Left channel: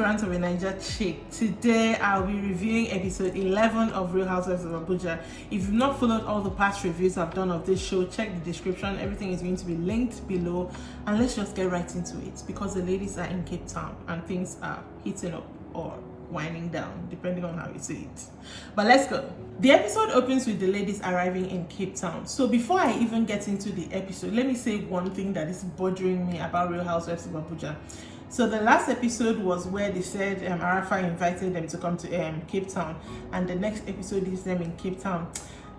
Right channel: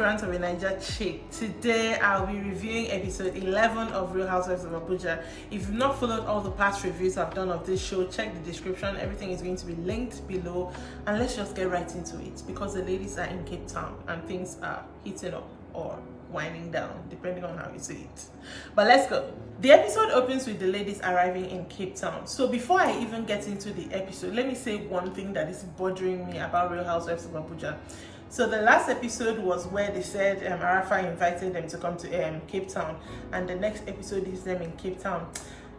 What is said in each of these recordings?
to Rants of Naija, Chic. Today I'll be reviewing episode 11 of Real Housewives of Abuja. If you've not followed all the past reviews I've done of this show, check the description. Everything is going to be linked below. And let's just get right into it because the ladies are in Cape Town and things are heating up or winding down, depending on how you see it. But let's go. The episode opens with the ladies arriving in Cape Town. So before I even get into the episode, let me say one thing that is bothering me about Real Housewives of Abuja. So the last episode was where they said Arafa invited them to come to Cape Town, and the next episode is them in Cape Town.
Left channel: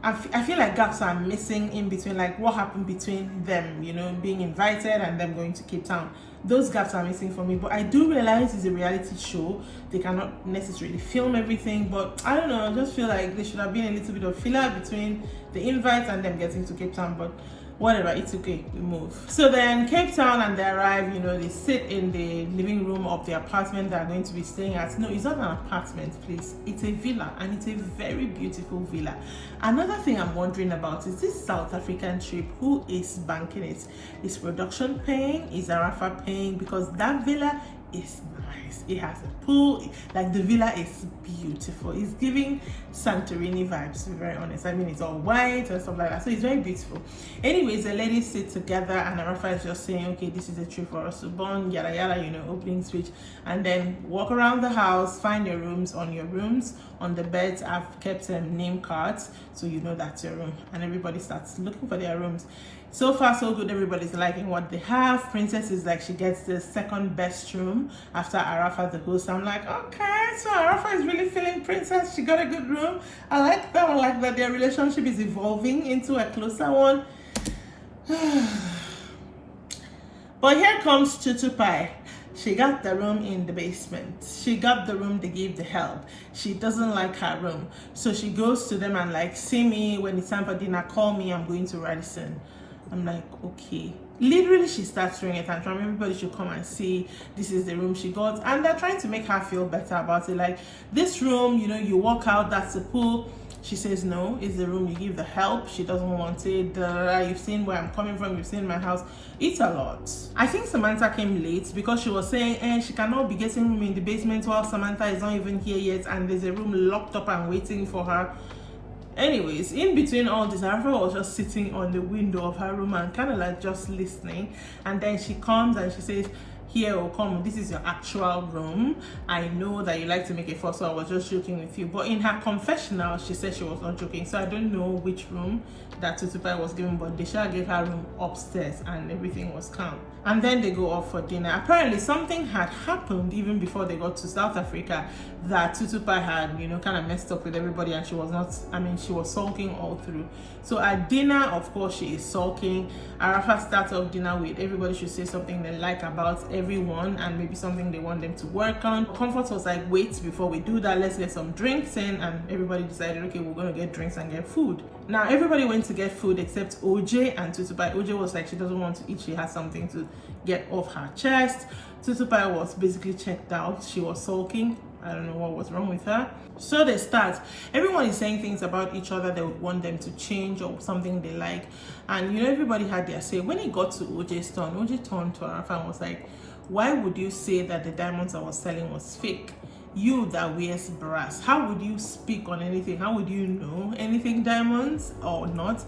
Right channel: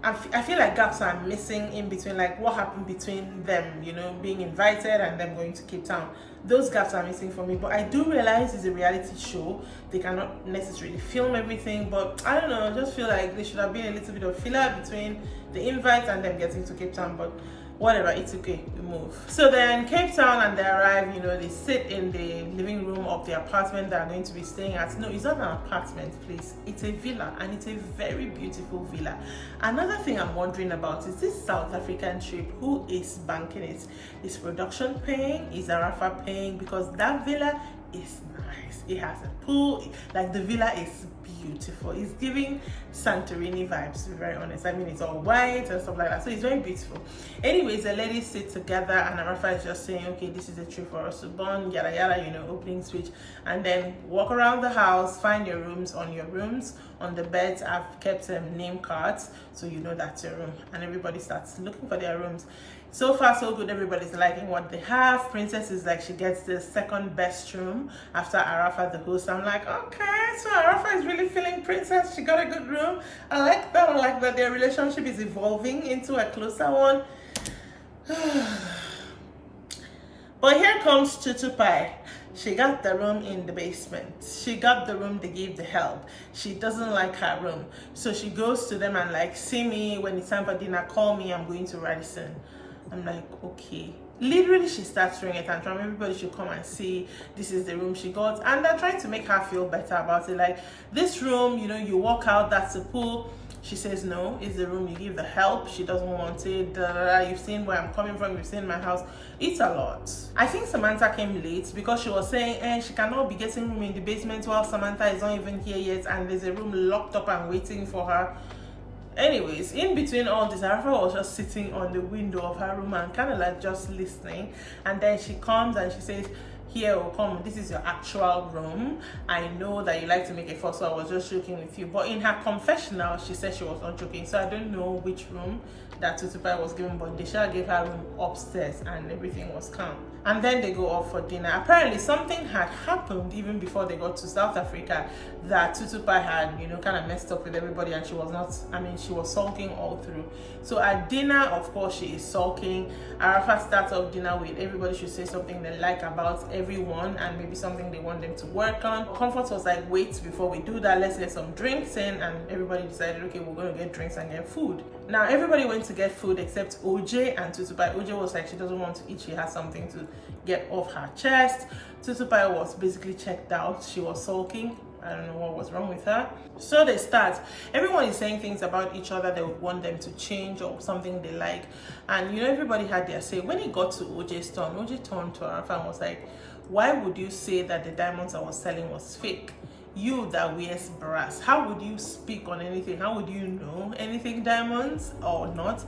I feel like gaps are missing in between, like what happened between them, you know, being invited and them going to Cape Town. Those gaps are missing for me, but I do realize it's a reality show. They cannot necessarily film everything, but I don't know, I just feel like there should have been a little bit of filler between the invite and them getting to Cape Town, but whatever, it's okay, we move. So they're in Cape Town and they arrive, you know, they sit in the living room of the apartment they're going to be staying at. No, it's not an apartment, please. It's a villa, and it's a very beautiful villa. Another thing I'm wondering about is this South African trip. Who is banking it? Is production paying? Is Arafa paying? Because that villa is nice. It has a pool. Like, the villa is beautiful. It's giving Santorini vibes, to be very honest. I mean, it's all white and stuff like that, so it's very beautiful. Anyways, the ladies sit together and Arafa is just saying, okay, this is a trip for us to bond, yada yada, you know, opening speech, and then walk around the house, find your rooms. On your rooms, on the beds, I've kept name cards so you know that's your room, and everybody starts looking for their rooms. So far so good, everybody's liking what they have. Princess is like, she gets the second best room after Arafa the host. I'm like, okay, so Arafa is really feeling Princess. She got a good room. I like that. I like that their relationship is evolving into a closer one. But here comes Tutu. She got the room in the basement. She got the room they gave the help. She doesn't like her room, so she goes to them and like, see me when it's time for dinner, call me, I'm going to Radisson. I'm like, okay. Literally, she starts throwing a tantrum. Everybody should come and see. This is the room she got, and they're trying to make her feel better about it. Like, this room, you know, you walk out, that's the pool. She says no, it's the room you give the help. She doesn't want it. You've seen where I'm coming from, you've seen my house. It's a lot. I think Samantha came late because she was saying she cannot be getting room in the basement while Samantha is not even here yet, and there's a room locked up and waiting for her. Anyways, in between all this, Arafa was just sitting on the window of her room and kind of like just listening, and then she comes and she says, here, or come, this is your actual room. I know that you like to make a fuss, so I was just joking with you. But in her confessional, she said she was not joking. So I don't know which room that Tutu was given, but Desha gave her room upstairs and everything was calm. And then they go off for dinner. Apparently something had happened even before they got to South Africa that Tutu had, you know, kind of messed up with everybody, and she was not, I mean, she was sulking all through. So at dinner, of course, she is sulking. Arafa starts off dinner with everybody should say something they like about everyone and maybe something they want them to work on. Comfort was like, wait, before we do that, let's get some drinks in, and everybody decided, okay, we're going to get drinks and get food. Now everybody went to get food except OJ and Tutu. OJ was like, she doesn't want to eat, she has something to get off her chest. Tutu was basically checked out. She was sulking. I don't know what was wrong with her. So they start. Everyone is saying things about each other they would want them to change or something they like. And you know, everybody had their say. When it got to OJ's turn, OJ turned to Arafa and was like, why would you say that the diamonds I was selling was fake? You that wears brass, how would you speak on anything? How would you know anything diamonds or not?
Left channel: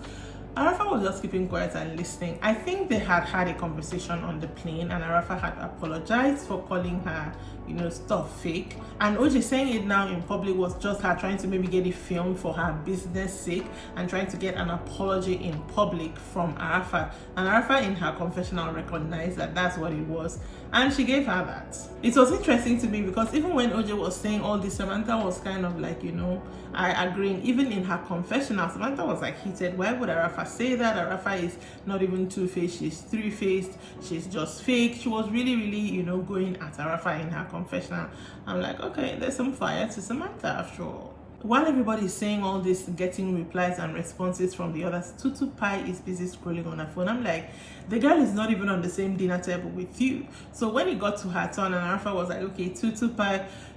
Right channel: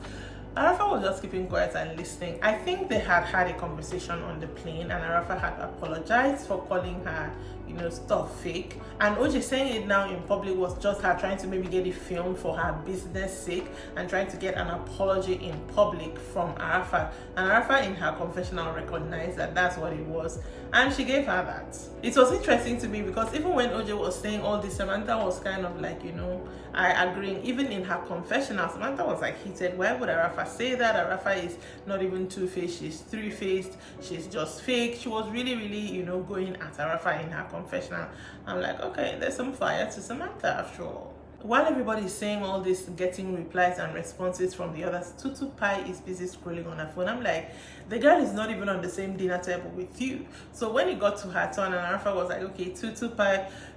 Arafa was just keeping quiet and listening. I think they had had a conversation on the plane, and Arafa had apologized for calling her, you know, stuff fake. And OJ saying it now in public was just her trying to maybe get it filmed for her business sake and trying to get an apology in public from Arafa. And Arafa in her confessional recognized that that's what it was, and she gave her that. It was interesting to me because even when OJ was saying all this, Samantha was kind of like, you know, I agree. Even in her confessional, Samantha was like heated. Why would Arafa say that? Arafa is not even two-faced, she's three-faced, she's just fake. She was really, you know, going at Arafa in her confessional. I'm like, okay, there's some fire to Samantha after all. While everybody is saying all this, getting replies and responses from the others, Tutu is busy scrolling on her phone. I'm like, the girl is not even on the same dinner table with you. So when it got to her turn, and Arafa was like, okay, Tutu,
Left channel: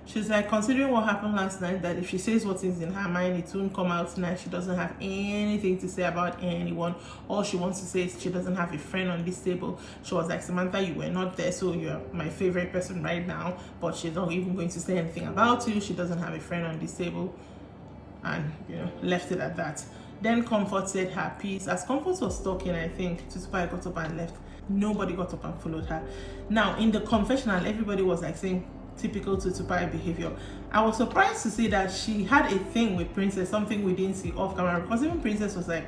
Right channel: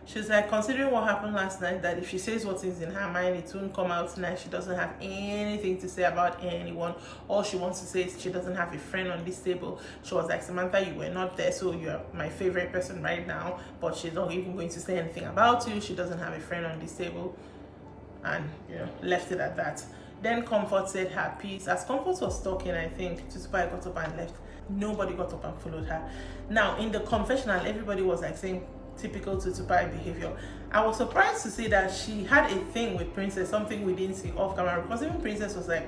She's like, considering what happened last night, that if she says what is in her mind, it won't come out tonight. She doesn't have anything to say about anyone. All she wants to say is she doesn't have a friend on this table. She was like, Samantha, you were not there, so you're my favorite person right now, but she's not even going to say anything about you. She doesn't have a friend on this table, and left it at that. Then Comfort said her piece. As Comfort was talking, I think Tutu got up and left. Nobody got up and followed her. Now in the confessional, everybody was like saying typical Tutu behavior. I was surprised to see that she had a thing with Princess, something we didn't see off camera, because even Princess was like,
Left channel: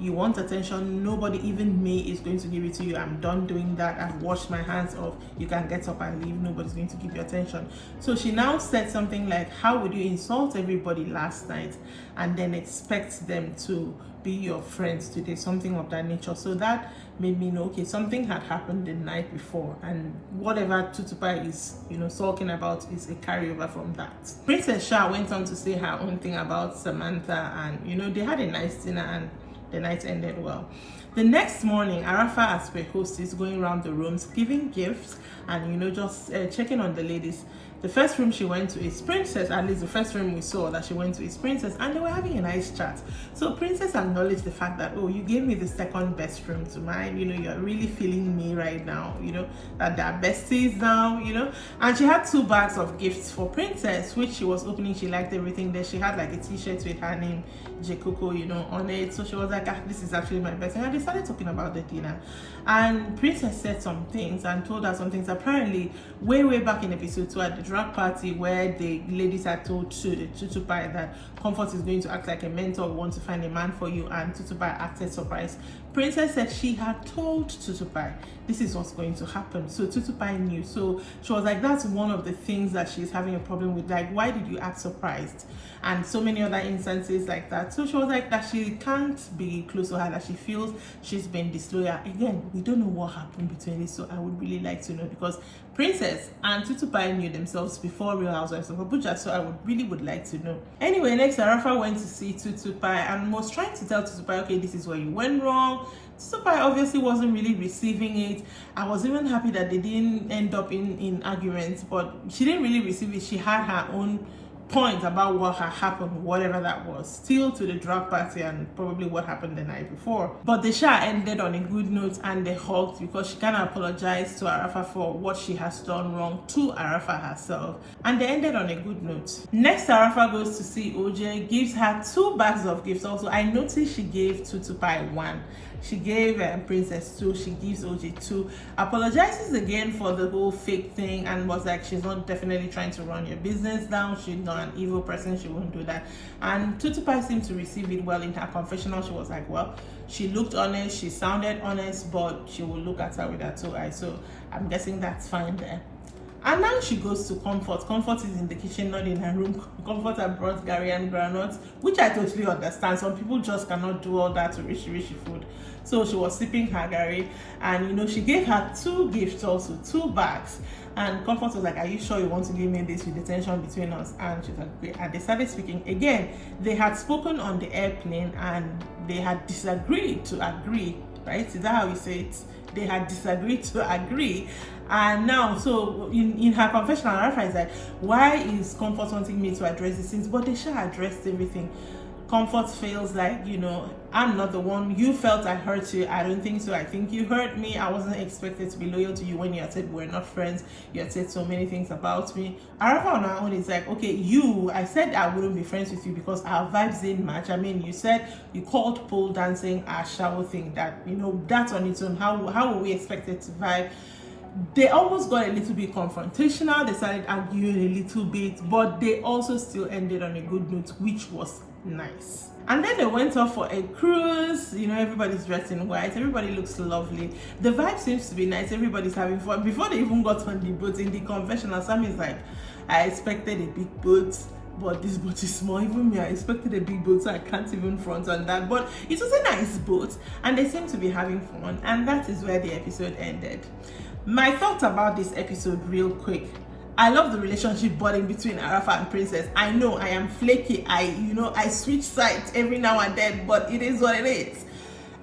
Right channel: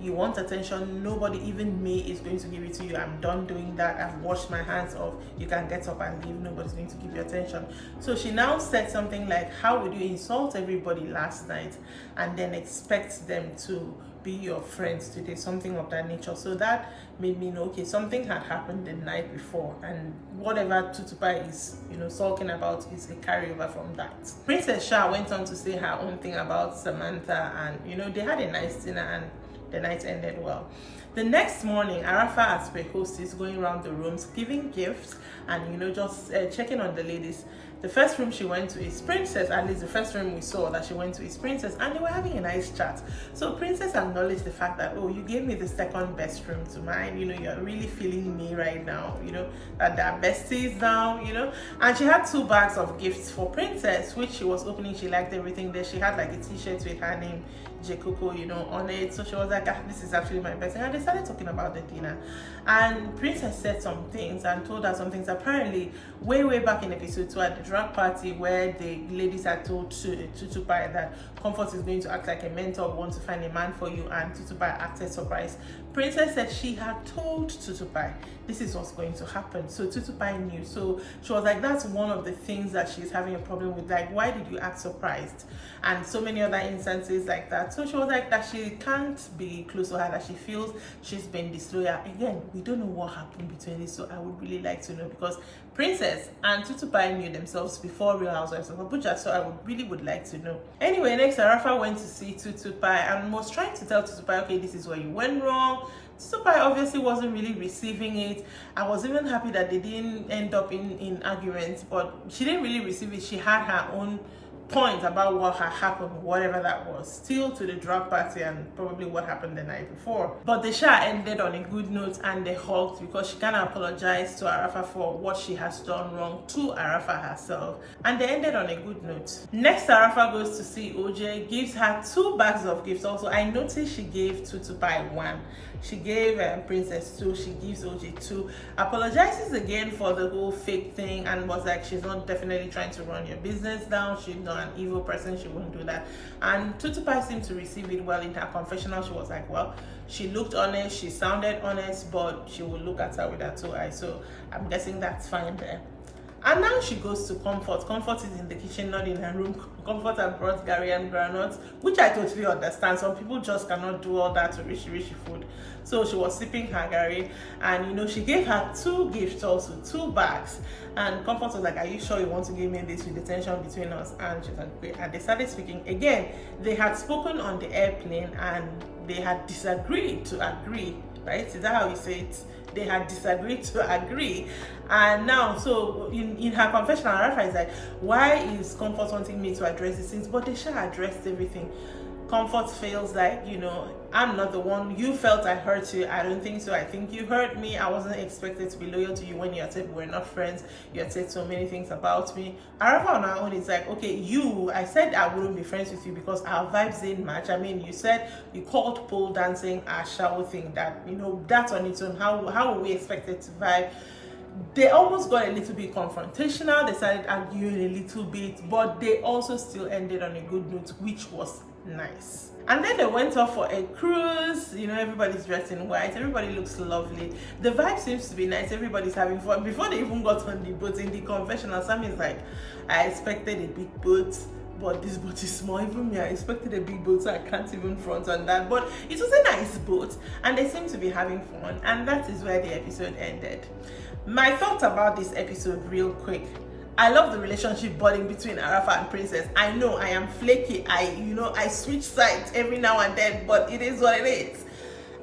you want attention, nobody, even me, is going to give it to you. I'm done doing that. I've washed my hands off. You can get up and leave. Nobody's going to give you attention. So she now said something like, how would you insult everybody last night and then expect them to be your friends today? Something of that nature. So that made me know, okay, something had happened the night before, and whatever Tutu is talking about is a carryover from that. Princess Shah went on to say her own thing about Samantha, and they had a nice dinner and the night ended well. The next morning, Arafa, as per host, is going around the rooms giving gifts and just checking on the ladies. The first room she went to is Princess, at least the first room we saw that she went to is Princess, and they were having a nice chat. So Princess acknowledged the fact that, oh, you gave me the second best room to mine, you're really feeling me right now, that they're besties now, and she had 2 bags of gifts for Princess, which she was opening. She liked everything there. She had like a t-shirt with her name Jekoko, on it. So she was like, this is actually my best. And they started talking about the dinner, and Princess said some things and told her some things. Apparently, way back in episode 2 at the drag party, where the ladies had told Tutu that Comfort is going to act like a mentor, want to find a man for you, and Tutu acted surprised. Princess said she had told Tutu this is what's going to happen. So Tutu knew. So she was like, that's one of the things that she's having a problem with. Like, why did you act surprised? And so many other instances like that. So she was like that she can't be close to her, that she feels she's been disloyal. Again, we don't know what happened between this, so I would really like to know, because Princess and Tutu knew themselves before Real Housewives of Abuja, so I would like to know. Anyway, next Arafa went to see Tutu and was trying to tell Tutu okay, this is where you went wrong. Tutu obviously wasn't really receiving it. I was even happy that they didn't end up in arguments, but she didn't really receive it. She had her own point about what had happened, whatever that was, still to the drag party and probably what happened the night before. But the show ended on a good note, and they hugged because she kind of apologized to Arafa for what she has done wrong to Arafa herself, and they ended on a good note. Next, Arafa goes to see OJ, gives her 2 bags of gifts. Also, I noticed she gave Tutu 1, she gave Princess 2, she gives OJ 2, apologizes again for the whole fake thing, and was like, she's not definitely trying to run your business down, she's not an evil person, she won't do that. And Tutu seemed to receive it well. In her confessional, she was like, well, she looked honest, she sounded honest, but she will look at her with her 2 eyes, so I'm guessing that's fine there. And now she goes to Comfort. Comfort is in the kitchen, not in her room. Comfort had brought Gary and granuts, which I totally understand. Some people just cannot do all that to rishi food. So she was sipping her Gary, and she gave her 2 gifts also, 2 bags. And Comfort was like, are you sure you want to give me this with the tension between us? And she was like, great. And they started speaking. Again, they had spoken on the airplane and they had disagreed to agree, right? Is that how you say it? They had disagreed to agree. And now, so in her confessional, Rafa is like, why is Comfort wanting me to address these things? But they should have addressed everything. Comfort feels like, I'm not the one. You felt I hurt you. I don't think so. I think you hurt me. I wasn't expected to be loyal to you when you had said we're not friends. You had said so many things about me. Arafa on her own is like, okay, I said I wouldn't be friends with you because our vibes didn't match. I mean, you called pole dancing a shower thing that, that's on its own. How were we expected to vibe? They almost got a little bit confrontational. They started arguing a little bit, but they also still ended on a good note, which was nice. And then they went off for a cruise. Everybody's dressed in white, everybody looks lovely, the vibe seems to be nice, everybody's having fun. Before they even got on the boat, in the confessional, Sam is like, I expected a big boat, but this boat is small. Even me, I expected a big boat, so I can't even front on that. But it was a nice boat, and they seem to be having fun, and that is where the episode ended. My thoughts about this episode real quick. I love the relationship budding between Arafa and Princess. I know I am flaky. I switch sides every now and then, but it is what it is.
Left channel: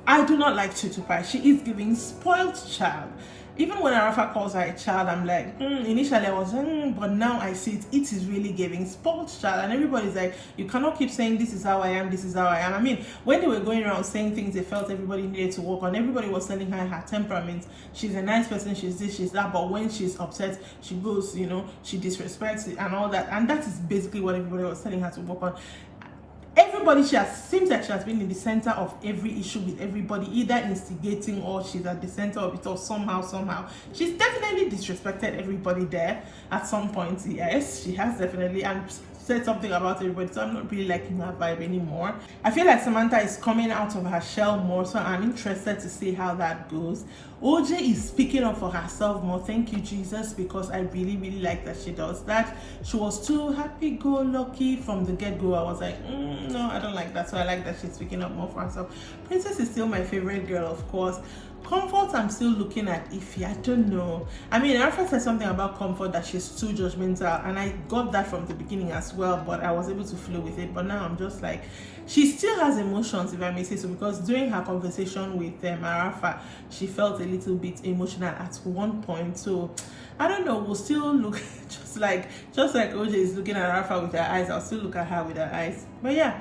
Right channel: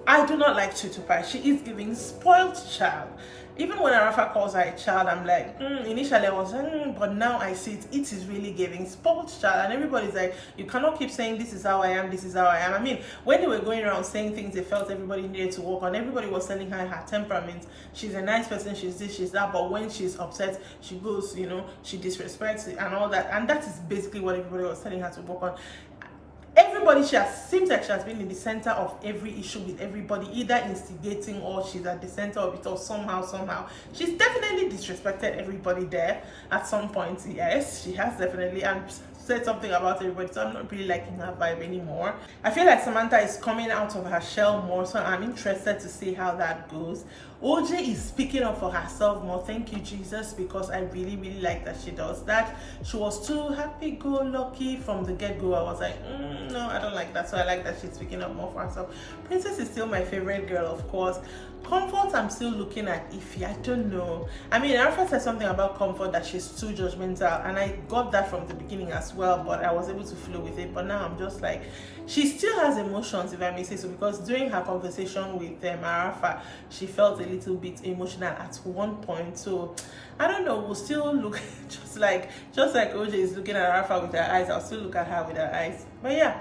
I do not like Tutu. She is giving spoiled child. Even when Arafa calls her a child, I'm like, initially I was, but now I see it. It is really giving spoiled child, and everybody's like, you cannot keep saying this is how I am, this is how I am. I mean, when they were going around saying things they felt everybody needed to work on, everybody was telling her her temperament. She's a nice person, she's this, she's that, but when she's upset, she goes, she disrespects it and all that, and that is basically what everybody was telling her to work on. Everybody, seems like she has been in the center of every issue with everybody, either instigating or she's at the center of it, or somehow. She's definitely disrespected everybody there at some point. Yes, she has definitely, and said something about everybody, so I'm not really liking her vibe anymore. I feel like Samantha is coming out of her shell more, so I'm interested to see how that goes. OJ is speaking up for herself more. Thank you, Jesus, because I really like that she does that. She was too happy-go-lucky from the get-go. I was like, no, I don't like that. So I like that she's speaking up more for herself. Princess is still my favorite girl, of course. Comfort, I'm still looking at iffy. I don't know. I mean, Alfred said something about Comfort, that she's too judgmental, and I got that from the beginning as well, but I was able to flow with it. But now I'm just like, she still has emotions, if I may say so, because during her conversation with Arafa, she felt a little bit emotional at one point. So I don't know, we'll still look just like OJ is looking at Arafa with her eyes, I'll still look at her with her eyes. But yeah,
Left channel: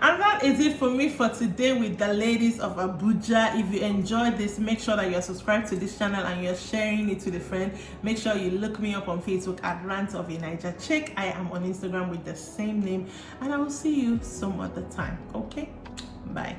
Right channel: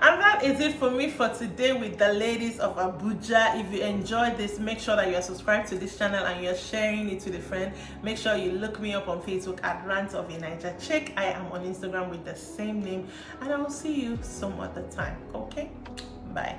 and that is it for me for today with the Ladies of Abuja. If you enjoyed this, make sure that you're subscribed to this channel and you're sharing it with a friend. Make sure you look me up on Facebook at Rants of Naija Chic. I am on Instagram with the same name, and I will see you some other time. Okay, bye.